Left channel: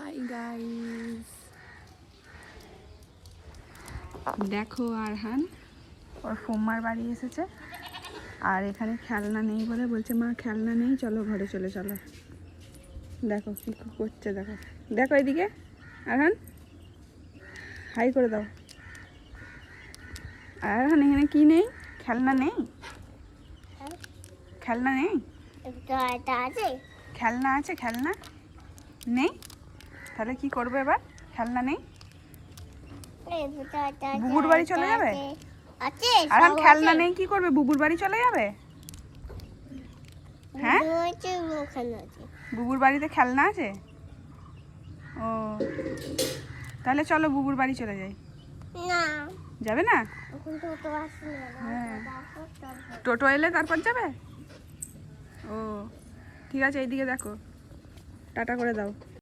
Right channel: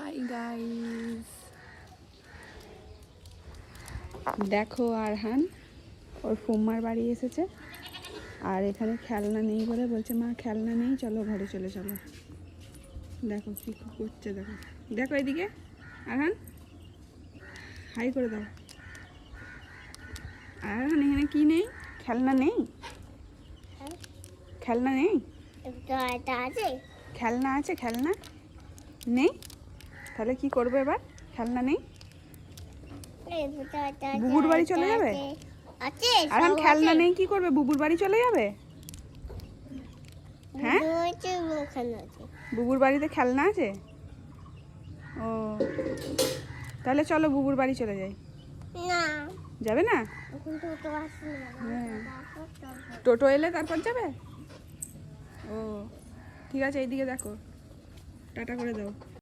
Hi guys, দেখো আরহান ওর ফুম্মার বাড়ি এসেছে আর এখানে খেলনা নেই বলে বলছে মা খেলনা নেই, চলো ঘরে চলে চলো। দেখো কি করছে, দেখো দেখো এদিকে আরহান, হাই করে দাও। আরহান এখানে কি নেই? খেলনা নেই, খেলনা নেই, খেলনা আছে, খেলনা নেই। তাহলে কি করবে এবার? খেলনা নেই, বুবুর বাড়ি চলে যাবে। আর খেলনা নেই কি করবে? বুবুর বাড়ি চলে যাবে। হ্যাঁ, বুবুর বাড়িতে খেলনা আছে। ও তাহলে চলো বুবুর বাড়ি চলে যাই। না, যাবে না? হ্যাঁ। টোটো এলে তারপর যাবে। ও ঠিক আছে, এইদিকে দেখো, টাটা করে দাও।